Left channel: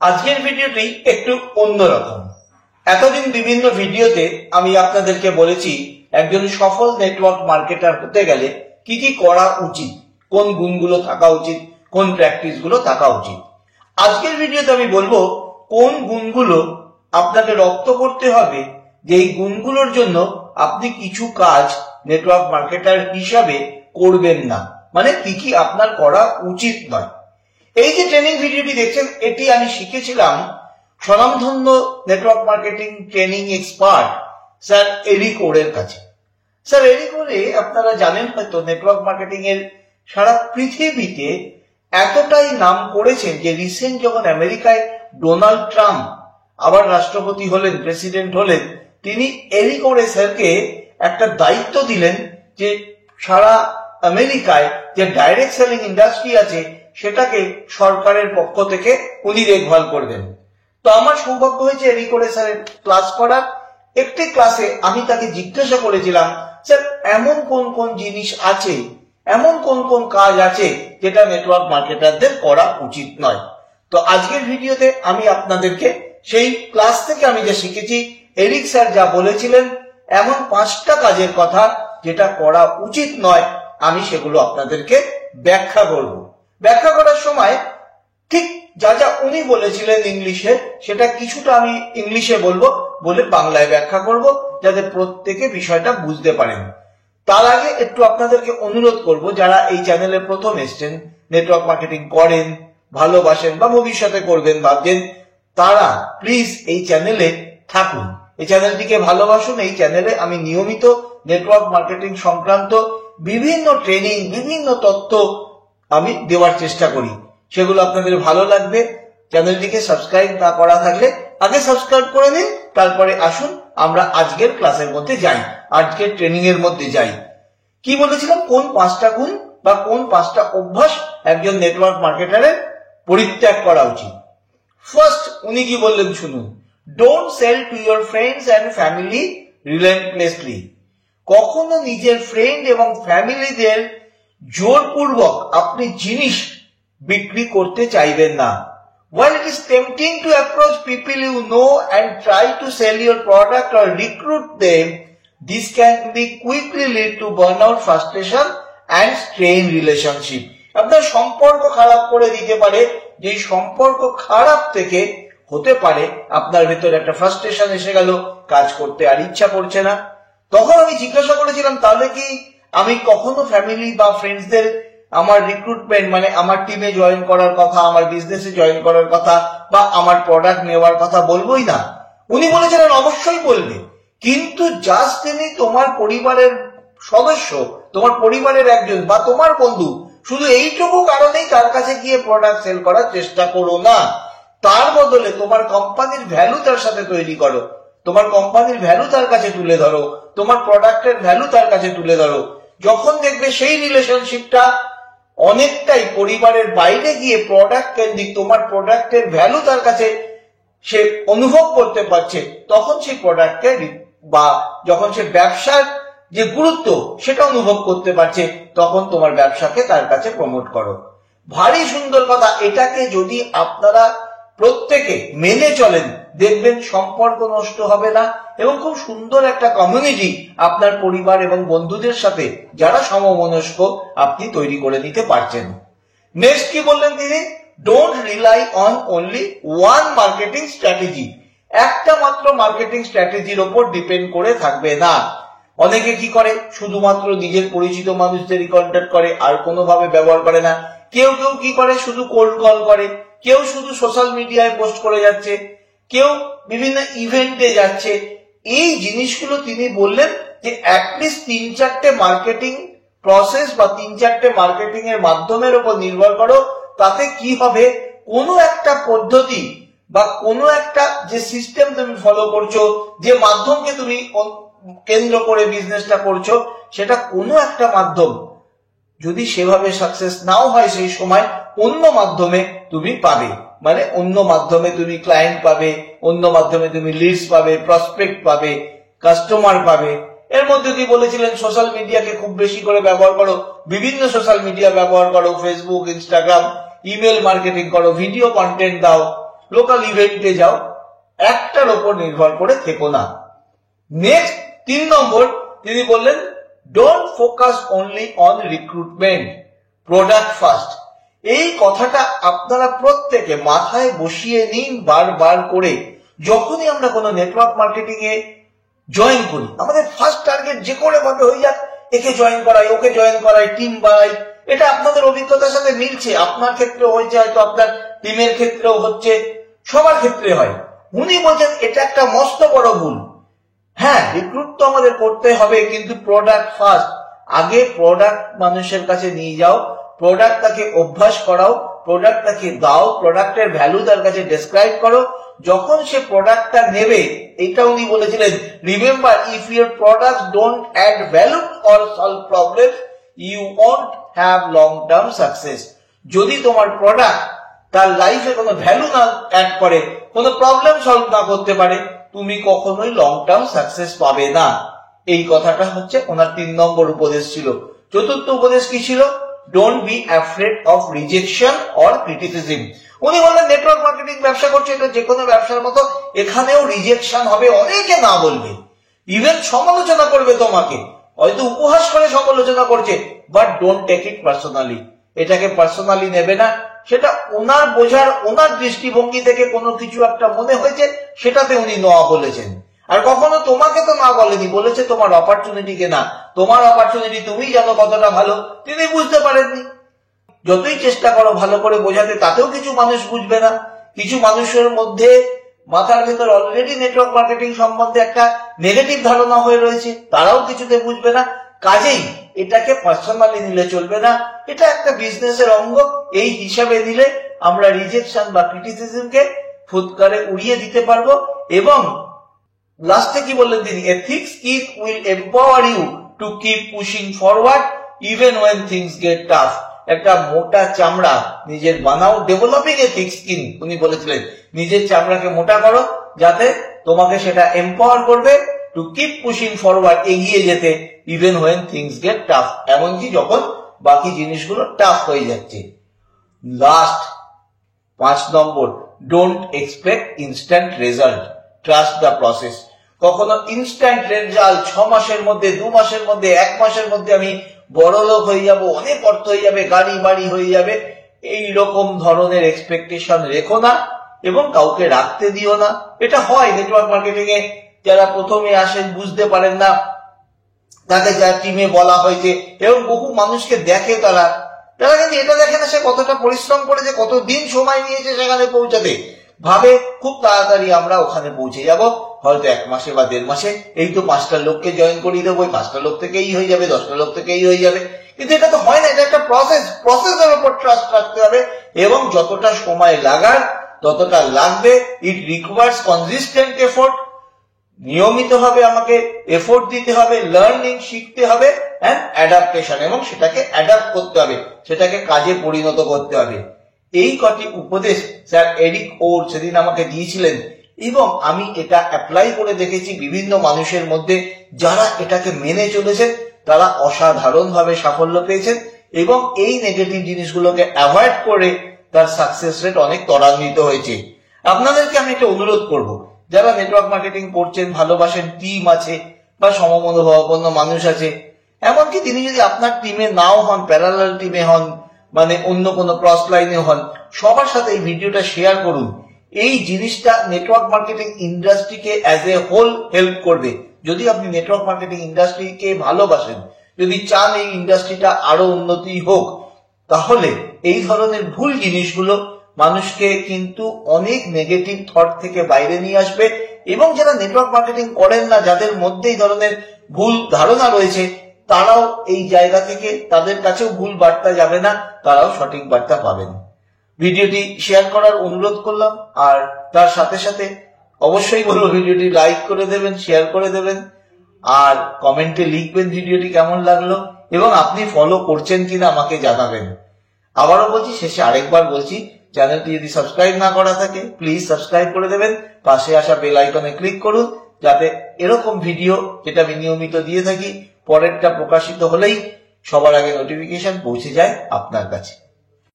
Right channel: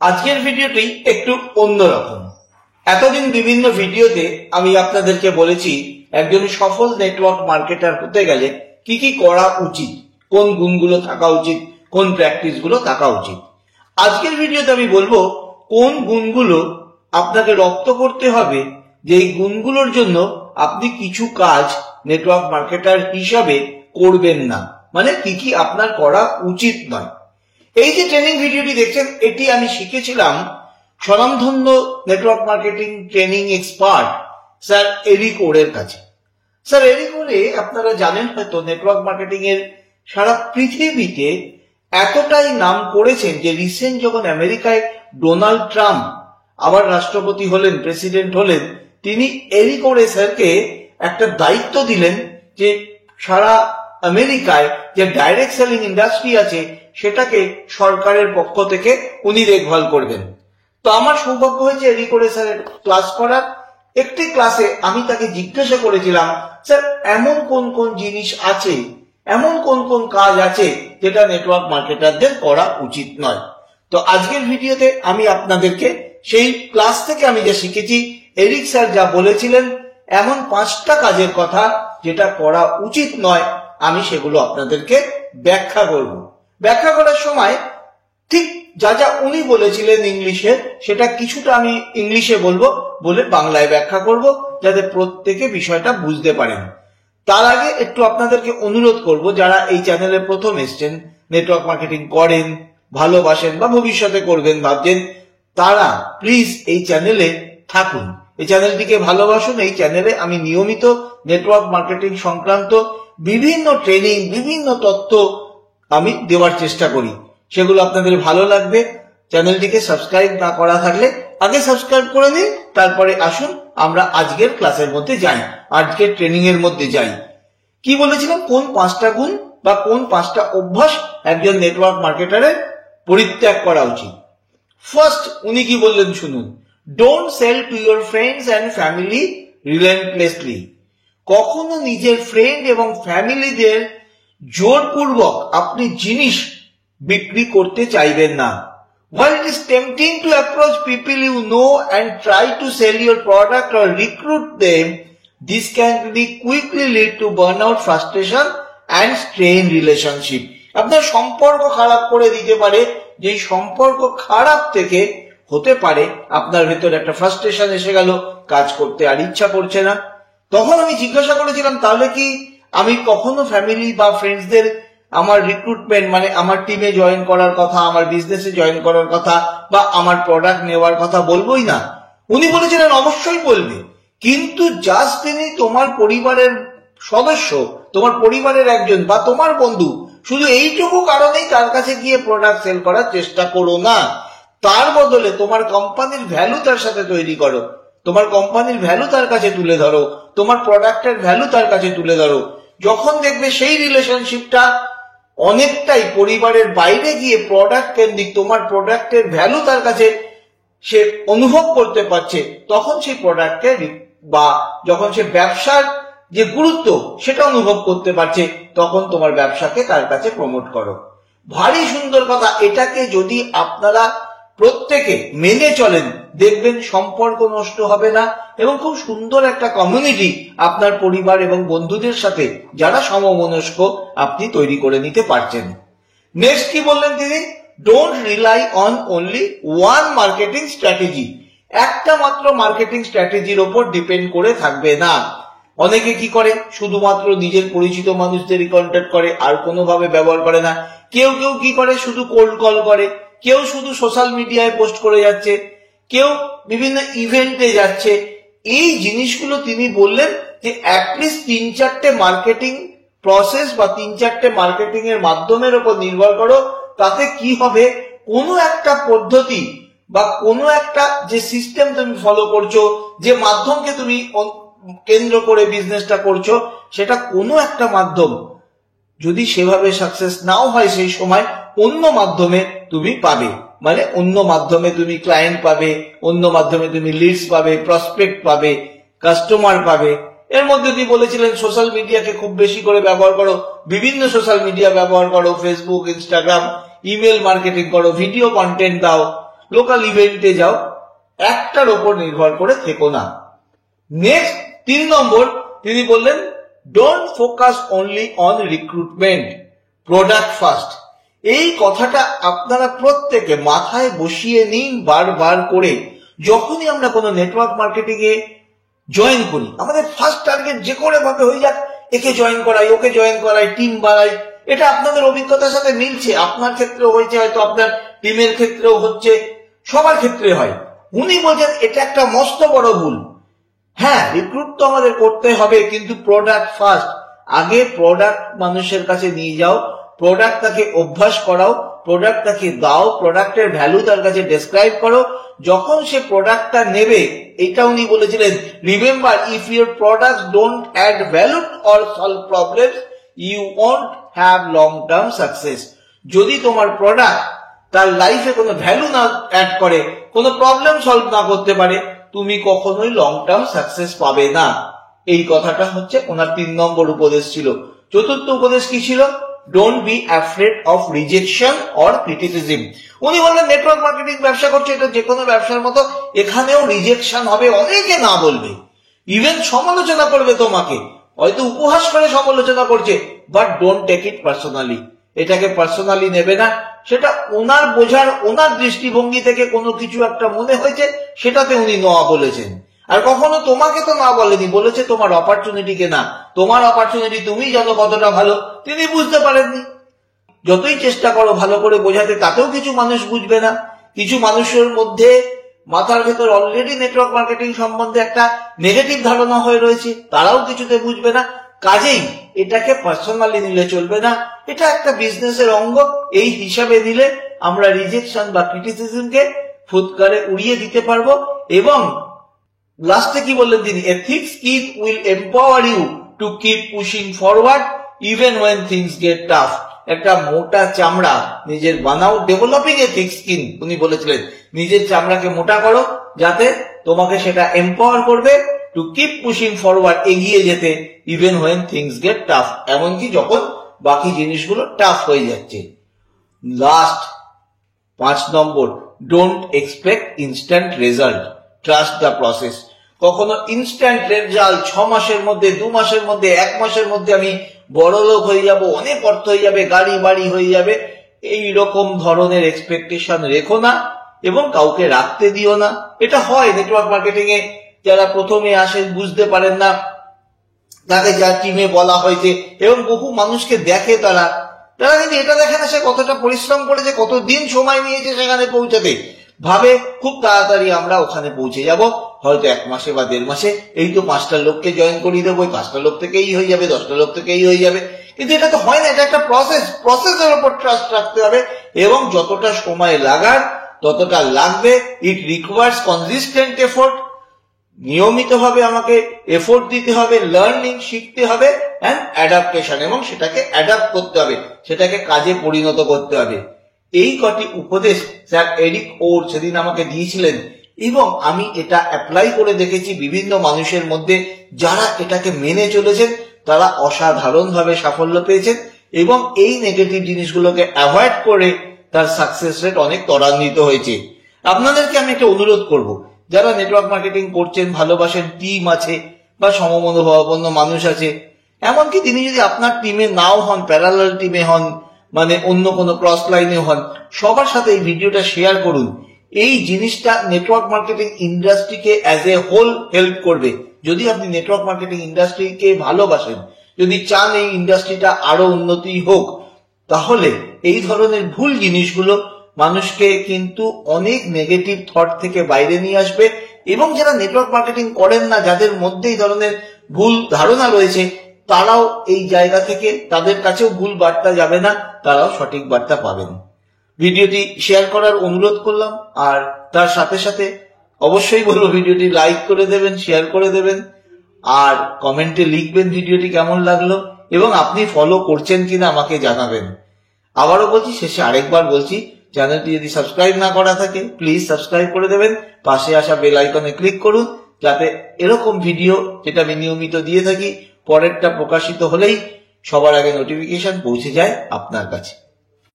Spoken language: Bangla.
আজকের ভিডিওটি একটু অন্যরকম। এতদিন বিভিন্ন ভিডিওতে আমি আপনাদেরকে বলেছি একজন সফল নেটওয়ার্ক মার্কেটার হতে গেলে কি কি করা উচিত, কোন গুণগুলো থাকা উচিত, কোন প্র্যাকটিস গুলো থাকা উচিত। আজকের ভিডিওতে আমি বলবো কোন গুণগুলো আপনাকে রপ্ত করতে হবে, যে এই গুণগুলোর জন্য আপনি কিছু কাজ নেটওয়ার্ক মার্কেটার হিসাবে করবেন না, মানে কি কি আপনার করা উচিত নয়। এই যে ট্রেনিং ভিডিওটি দেখছেন, এটি আমি শিখেছিলাম স্বনামধন্য network marketing training expert sir Eric ওরের কাছে। স্যার এরিক ওরে আপনারা জানেন হয়তো, নেটওয়ার্ক মার্কেটিং এর সারা পৃথিবীতে এতটাই নাম করেছেন যে রিসেন্ট যখন আমেরিকায় ডোনাল্ড ট্রাম্প আবার রাষ্ট্রপতি হলেন, প্রেসিডেন্ট হলেন, তিনি এরিক ওরে স্যারকে একটা দায়িত্ব দিলেন যে সারা আমেরিকায় যে ডাইরেক্ট সেলিং ইন্ডাস্ট্রি আছে সেটাকে সরকারের পক্ষ থেকে উনি দেখভাল করবেন। তো আমার সৌভাগ্য হয়েছে এরিক ওরে স্যারের ক্লাস করার। একটি ক্লাসে আমি তাকে জিজ্ঞাসা করেছিলাম, স্যার এমন কোন কোন জিনিস আছে, এমন কোন কোন কাজ আছে যেটা নেটওয়ার্ক মার্কেটারদের করা উচিত নয়। তো আজকের ভিডিওতে আমি আপনাদেরকে সেই ক্লাস থেকে আমি যা শিখেছি, এরিক স্যার যা বলেছিলেন, এমন 5টা কাজের কথা যেটা করা উচিত নয়, আমি সেগুলো আপনাদেরকে ব্যাখ্যা করব। ব্যাখ্যা করার সময় ঠিক যা যা উনি বলেছিলেন ইংলিশে, সেটা কিছুটা আমি ইংলিশে বলবো, বলে বাংলায় ব্যাখ্যা করব, যাতে প্রত্যেকে বিষয়টা বুঝতে পারেন। তার আগে একটু আপনাদেরকে অনুরোধ করব, যারা এই চ্যানেলে প্রথম এসছেন, নেটওয়ার্ক মার্কেটিং করেন, ভালোবাসেন বা ভবিষ্যতে করবেন ভাবছেন, তারা প্লিজ এই চ্যানেলে থাকুন, এই চ্যানেলটিকে ভালোবাসুন। এই চ্যানেলে আমি নিয়মিত নেটওয়ার্ক মার্কেটিং সংক্রান্ত বিভিন্ন ট্রেনিং, বিভিন্ন তথ্য আমি দেওয়ার চেষ্টা করি, সেগুলো আপনাদের ভালো লাগবে। চ্যানেলটিকে সাবস্ক্রাইব না করা থাকলে আগে সাবস্ক্রাইব করে নিন, তারপরে আসুন আমরা আজকের ক্লাসের মধ্যে যাই, আজকের ট্রেনিং এর মধ্যে যাই। কি বলেছিলাম, কোন 5টা গুণ বা কোন 5টা অভ্যাস একজন নেটওয়ার্ক মার্কেটারের পরিত্যাগ করা উচিত। ফার্স্ট উনি কি বললেন শুনুন, don't sell to your friends and family relentlessly. কখনো নিজের ফ্রেন্ড এবং ফ্যামিলিদের জোরপূর্বক আপনি জিনিস বিক্রি করতে চাইবেন না। While it is tempting to approach people you know and try to sell your product or recruit them, this can be quickly lead to burnout, frustration and strained relationship. আপনার সম্পর্ক খারাপ করে দিতে পারে, যে সম্পর্ক খারাপ থেকে হতে পারে আপনার ভিতরে একটা ফ্রাস্ট্রেশন এসে গেল, কাজ করতে আর ইচ্ছা করছে না। তখন আমি জিজ্ঞাসা করেছিলাম, তাহলে কি আমি কখনো ফ্যামিলি বা ফ্রেন্ডসদের আমার রিক্রুটমেন্ট, মানে আমার টিমে জয়েন করার কথা, আমার বিজনেসে জয়েন করার কথা বা আমার প্রোডাক্ট নেওয়ার কথা বলবোই না? উনি বলেছিলেন অবশ্যই বলবে, কিন্তু জাস্ট তিনি তোমার পরিবারের সদস্য, তোমার পরিবারের একজন বা তোমার বন্ধু, শুধু এইটুকু কারণেই তার কাছে গিয়ে প্রোডাক্ট সেল করার চেষ্টা করো না। তার বদলে তোমার কোম্পানির ভ্যালু তার সাথে তৈরি করো, তোমার কোম্পানির ভ্যালু তার কাছে তুলে ধরো, তোমার প্রোডাক্টের ভ্যালু তার কাছে তুলে ধরো। যখন দেখবে সেই রিলেশনশিপটা অনেকটাই পরিবারের বাইরে গিয়ে প্রোডাক্ট কেন্দ্রিক, তোমার প্রোডাক্টের ভ্যালু তার কাছে সে অনুভব করতে পারছে, তখন সেই প্রোডাক্টে বা যখন সে ব্যবসার যে গুরুত্ব সেটা অনুভব করতে পারছে, তখন তোমার ব্যবসাকে তার কাছে প্রমোট করো। ভারী সুন্দর কথা। এটাকে যদি আপনারা প্রত্যেকে মেনে চলেন, দেখবেন সম্পর্ক নষ্ট হবে না এবং খুব সুন্দর একটা কমিউনিটি আপনার পরিবার এবং বন্ধুদের সাথে যারা সমমনস্ক আপনি তৈরি করে নিতে পারছেন। নেক্সট কি বললেন তিনি, don't rely on only one marketing strategy. একটা মাত্র মার্কেটিং স্ট্র্যাটেজির ওপর ডিপেন্ড করে থাকবে না। অনেকে কি করে, শুধুমাত্র নিজের পরিচিত মানুষদেরই কন্ট্যাক্ট করে, আর কোনোভাবে ব্যবহার করে না। কেউ কেউ কি করে, শুধু কোল্ড কল করে, কেউ শুধু সোশ্যাল মিডিয়ায় পোস্ট করে যাচ্ছে, কেউ বিভিন্ন ইভেন্টে যাচ্ছে। এই জিনিসগুলো তিনি বললেন যে অ্যাটলিস্ট 3-4টে মার্কেটিং প্রসেস বা 3-4টে মার্কেটিং এর মাধ্যমের উপর নির্ভর করো। তাতে কি হবে, কোনো একটা পদ্ধতি বা কোনো একটা যে সিস্টেম তুমি ফলো করছো, যে মাধ্যমকে তুমি কেন্দ্র করে বিজনেসটা করছো, সেটা কোনো একটা মাধ্যম যদি সেভাবে সাকসেস নাও হয়, সেই সময় অন্য মাধ্যমে তুমি পাবে, মানে অন্য মাধ্যমে তুমি ক্লায়েন্ট পাবে, অন্য মাধ্যমে তুমি লিডস পাবে, প্রসপেক্ট পাবে, কাস্টমার পাবে। এর মধ্যে তিনি বলেছিলেন সোশ্যাল মিডিয়াকে খুব বেশি করে ব্যবহার করো, বিভিন্ন সোশ্যাল মিডিয়া ব্যবহার করো, ফেসবুক, ইনস্টাগ্রাম, ইমেল মার্কেটিং করো, ভিডিও কন্টেন্ট দাও, লোকাল ইভেন্টে যাও, একটার ওপর নির্ভর করে থেকো না। নেক্সট 3 নম্বর তিনি বললেন, don't focus only on recruitment, product first. এই কথাটা আপনারা প্রত্যেকে মাথায় বসিয়ে নিন বারবার করে। যখনই আমরা কোনো নেটওয়ার্ক মার্কেটিং এ জয়েন করি, আমাদের ফার্স্ট টার্গেট যে করে ভাবে হয়ে যাক, একে জয়েন করাই, ওকে জয়েন করাই, টিম বাড়াই। এটা আপনাদের অভিজ্ঞতার সাথে মিলছে, আপনার ক্ষেত্রে হয়েছে, হয়তো আপনার টিমের ক্ষেত্রেও হচ্ছে, সবার ক্ষেত্রে হয়। উনি বলছেন এটা একটা মস্ত বড় ভুল। হ্যাঁ, রিক্রুট তো আমাদের করতে হবে, কিন্তু প্রোডাক্ট ফার্স্ট। আগে প্রোডাক্ট মানুষের কাছে নিয়ে যাও, প্রোডাক্ট তাকে অভ্যাস করাও, প্রোডাক্ট তাকে দাও, প্রোডাক্টের ভ্যালু তার কাছে ডেসক্রাইব করো। যখন সে প্রোডাক্টটা নেবে, এটা উনি বলেছিলেন, remember, if your product don't add value or solve problems, you won't have long term success. যদি তোমার প্রোডাক্ট তার লাইফে কোনো ভ্যালু না অ্যাড করে, কোনো প্রবলেম সলভ না করতে পারে, তুমি কখনোই লং টার্ম সাকসেস পাবে না। এই কথাটা হচ্ছে ওনার 3 নম্বর উপদেশ ছিল। চতুর্থ উপদেশ কি ছিল? Don't be afraid of rejection or criticism. উনি বললেন নেটওয়ার্ক মার্কেটিং ব্যবসা করছে, এটা যে কোনো ব্যবসার মতো, এখানেও রিজেকশন হবে, অনেকে না বলবে, ইভেন সমালোচনা করবে তোমাকে, হয়তো উপহাস করে সমালোচনা করছে, but don't take it personally. এটাকে পার্সোনালি নেবে না। সেটা ওনার বোঝার, ওনার দৃষ্টিভঙ্গি থেকে কোনো কিছু একটা মনে হয়েছে, সেটাতে উনি না বলেছেন। আর কখনো তোমাকে তো না বলেনি, বলেছে তোমার অপরচুনিটিকে না। তোমার অপরচুনিটি তুমি জানো কতটা ভালো, তিনি বুঝতে পারেননি। যতই চেষ্টা করো ভালো করে বোঝাতে, তাতেও কিছু মানুষ বুঝবে না। কিছু মানুষের মধ্যে মাথার ভেতর অলরেডি নেটওয়ার্ক মার্কেটিং সম্বন্ধে একটা নেগেটিভ ধারণা হয়ে রয়েছে, তারাও কিছুতে বুঝবে না। কাজেই এটাকে পার্সোনালি নিলে চলবে না, এটা একটা বিজনেসের অঙ্গ। এই হিসাবে নিলে আমরা রিজেকশন বা ক্রিটিসিজমকে ফুৎকারে উড়িয়ে দিতে পারবো। এবং লাস্টে কি বললেন তিনি? এ thick skin will empower you to keep pushing forward even when things get tough. একটা মোটা চামড়া নিজের বানাও, ডেভেলপিং এ thick skin। উনি বলেছিলেন নিজের চামড়াকে মোটা করো, যাতে তোমাকে সেটা এম্পাওয়ার করবে টু কিপ পুশিং ফরওয়ার্ড, এগিয়ে যেতে, even when things get tough, এমনকি যখন বাকি জিনিসগুলো টাফ হয়ে যাচ্ছে। Last 5 number, don't expect instant result, trust the process. কখনো ইনস্ট্যান্ট রেজাল্ট 6 মাসের মধ্যে, 2 মাসের মধ্যে, 1 মাসের মধ্যে আমি বড় লোক হয়ে যাব, অনেক অর্থ হয়ে যাবে, গাড়ি বাড়ি হয়ে যাবে, এই রকম ধরনের এক্সপেকটেশন রেখো না এবং কাউকে রাখতে দিও না। এটা হয় নেটওয়ার্ক মার্কেটিং এ, যারা প্রথমে আসেন বুঝতে পারেন না, তাকে যার টিমে বলা হয়েছে, এবং বহু মানুষকে দেখে, তারা কিন্তু এটা দেখে না সে কতটা পরিশ্রম করেছে, কতদিন সময় নিয়েছে সেখানে পৌঁছাতে। ভাবে খুব তাড়াতাড়ি আমরা ওখানে পৌঁছে যাব, হয়তো 1 মাসে বা 1.5 মাসে, এই তো 5টা লোককে জয়েন করিয়ে দেবো, 5টা লোক থেকেই হয়ে যাবে, 10টা লোক থেকেই হয়ে যাবে। কিন্তু এটা তো হয় না, এটা একটা প্রসেস। প্রসেসের উপর ট্রাস্ট রাখতে হবে, এবং যতটা সময় লাগার ততটা লাগবে। It requires consistent effort. নিয়মিতভাবে আমাকে এফোর্ট দিতে হবে, লার্নিং শিখতে হবে, এন্ড অ্যাডাপ্টেশন, এবং সেটাকে অ্যাডাপ্ট করতে হবে, সেটাকে কাজে পরিণত করতে হবে। এই কটি উপদেশ স্যার এরিক ওর সেদিন আমাকে দিয়েছিলেন, এবং আমি এটা অ্যাপ্লাই করে দেখেছি বিভিন্ন মানুষের মধ্যে। যারা এটাকে মেনে চলেছেন তারা অসাধারণভাবে সাফল্য পেয়েছেন, এবং এই নেগেটিভ জিনিসগুলোকে অ্যাভয়েড করে তার সাকসেস রেট অনেক ত্বরান্বিত হয়েছে। আপনাদেরকে আমি একটা অনুরোধ করব, যারা নেটওয়ার্ক মার্কেটিং করছেন, ভালোবাসেন, টিম আছে বা সমমনোভাবাপন্ন মানুষ আছে, এমনকি তিনি যদি আপনার টিমে নাও হন, প্যারালাল টিমে হন, মানে অন্য কোনো ক্রস লাইনে হন, সবার সাথে এই ভিডিওটা শেয়ার করুন। এই জিনিসটা নেটওয়ার্ক মার্কেটিং ইন্ডাস্ট্রিকে অ্যাজ এ হোল হেল্প করবে। যদি আপনি নেটওয়ার্ক মার্কেটিং ইন্ডাস্ট্রিকে ভালোবাসেন, যদি চান এই ইন্ডাস্ট্রিটা আরো উন্নতি হোক, তাহলে এই ধরনের ভুল জিনিসগুলো মানুষকে কিন্তু অনেক নেগেটিভ থট থেকে বাইরে নিয়ে আসবে। এবং যারা নেটওয়ার্ক মার্কেটিং করেন না, যাদের মধ্যে এই ধরনের ভুল ধারণা রয়েছে, তারাও এই জায়গা থেকে, তাদের কাছেও ভুল বার্তা যাবে না, তারাও সঠিক বার্তা পাবেন। ভিডিওটি শেয়ার করার অনুরোধ করলাম, আর তার সাথে সাথে অবশ্যই বলবো ভিডিওটি লাইক করে দেবেন, শেয়ার করে দেবেন, আর কমেন্টে লিখবেন ভিডিওটি কেমন লাগলো, এবং আপনি ফলো করছেন কিনা আমাকে জানাবেন। আবারও বলছি, শেষে আরেকবার বলছি, চ্যানেলটি যদি সাবস্ক্রাইব না করা থাকে প্লিজ সাবস্ক্রাইব করে দেবেন, পাশে আসা বেল আইকনে ক্লিক করুন, যাতে এরকম ভিডিও যেটা আমি নিয়মিত দিয়ে থাকি, পরেরটা প্রকাশিত হলেই সবার আগে নোটিফিকেশন পৌঁছে যায় আপনার কাছে।